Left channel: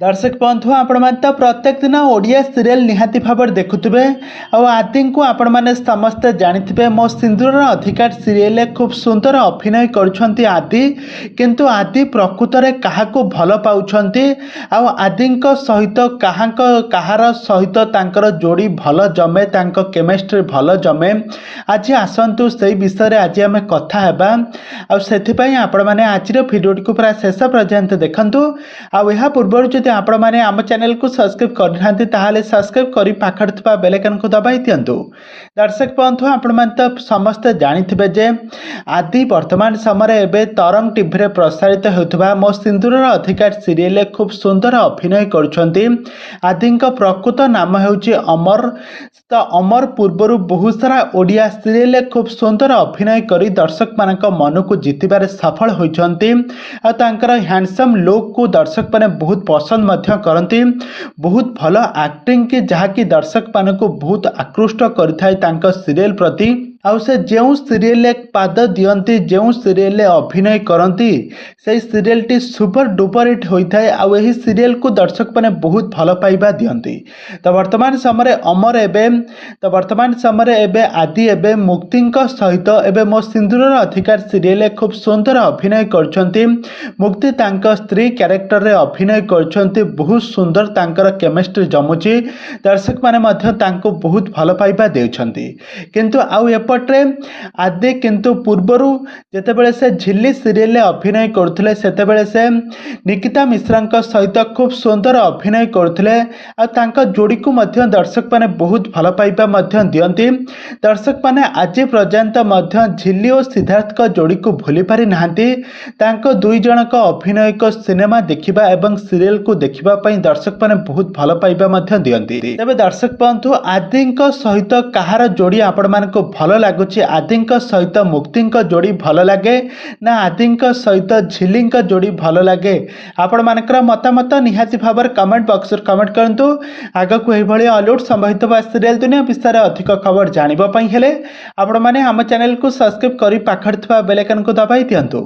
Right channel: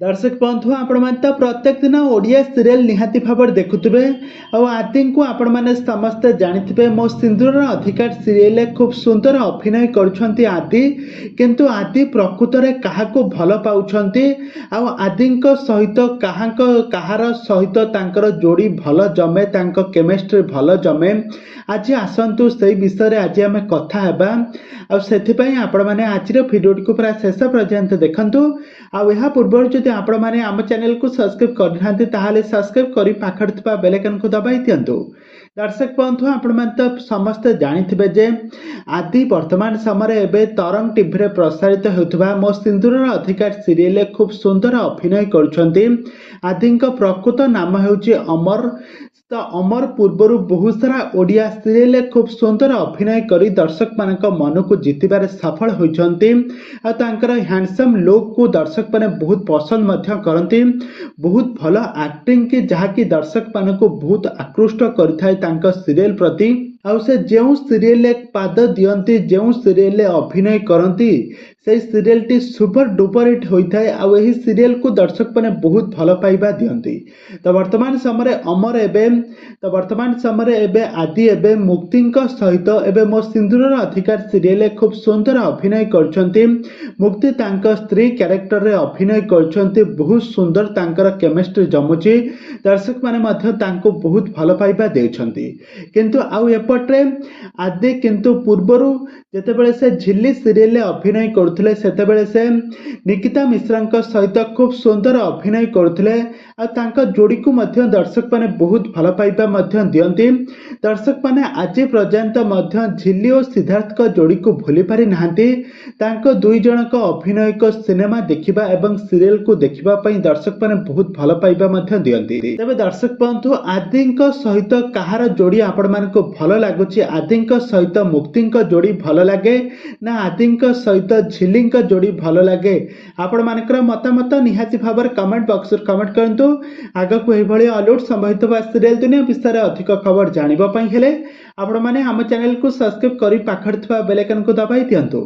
दर्शक बंधु आपण तो प्रत्येक दिन ओडिया सीरियल निहाती भाव देखुवे आदि को आपण मैंने समस्ते जानी मो सिंदूर अधिकार सीरियल खूब सुंदर अभिनय कर आदि किंतु आदि प्रकृत में क्या भल पाँच आदि सहित कहार सहित जोड़ी भल जमे केमिस्ट्री भल जमे आज आसतु से विषय आज आम कथा आपण मैंने आज भिडियो को पूरा शेष पर्यंत देखु आ पूर्व जब आपण मैंने आम चैनल को सब्सक्राइब करना ताहले सब्सक्राइब करी पाखर थिबा बेल आइकन को दबाई दियंतु। दर्शक बंधु आपण मैंने तो समस्ते जानिथिबे जे आदि वर्तमान समय एबे तरंग टीवी रे प्रसारित होउथबा मो सिंदूर अधिकार सीरियल खूब सुंदर अभिनय करुछंती। आदि प्रकृत नाम हेउची अमर। तो अमर पूर्वर बहुत सारा ओडिया सीरियल खूब सुंदर अभिनय करी दर्शक मानक मन को जितबार सफल होइछंती। आ तांकर हैंडसम लुक को दर्शक माने बहुत पसंद करती बहुत भल एक्टिंग के जहाँकि दर्शक मान को बहुत आकृष्ट कर सीरियल प्रति आउ से जो सीरियल पाद दियंती जो सीरियल अभिनय करती से serial T super duper hit होता है। आउ यही सीरियल को दर्शक मैंने बहुत भल पाइबा दियंती। तो वर्तमान समय अमर एवं आदि एवं मुक्ति सहित एवं मो सिंदूर अधिकार सीरियल खूब सुंदर अभिनय करछंती। मुक्ति तांका स्त्री कैरेक्टर रे अभिनय करछंती बहुत सुंदर तांकर केमिस्ट्री जमुची दर्शक माने मध्य तांको बहुत भल पाइबा देउछंती। किंतु आउ पटे आदि किंतु पूर्वर जितेबाला से झिल्ली सीरियल अभिनय करते से निकिता मिश्रा सहित खूब सुंदर अभिनय करते जोड़ी को दर्शक माने बहुत भल पाइबा दियंती। दर्शक माने आज पर्यंत झिल्ली और सिद्धार्थ का जोड़ी को भूली पारि नाहांती। तांको दुई जन का अभिनय को सिनेमा देखिबा एवं सीरियल को देखिबा पई दर्शक माने बहुत भल पाइबा दियंती। तबे दर्शक बंधु आदि सहित कहार जोड़ी आपण मानको भल लगुच आदि सहित मुक्ति जोड़ी भल लगे ना आदि सहित झिल्ली जोड़ी भल लगे आपण मानकर मतामत निहाती भाव कमेंट बॉक्स कमेंट करंतु। आग को यह हॉलीवुड संबंधित सीरियल दुनिया विषय अधिक खबर जानिबा पई हेले आपण माने हम चैनल को सब्सक्राइब करी पाखर थिबा बेल आइकन को दबाई दियंतु।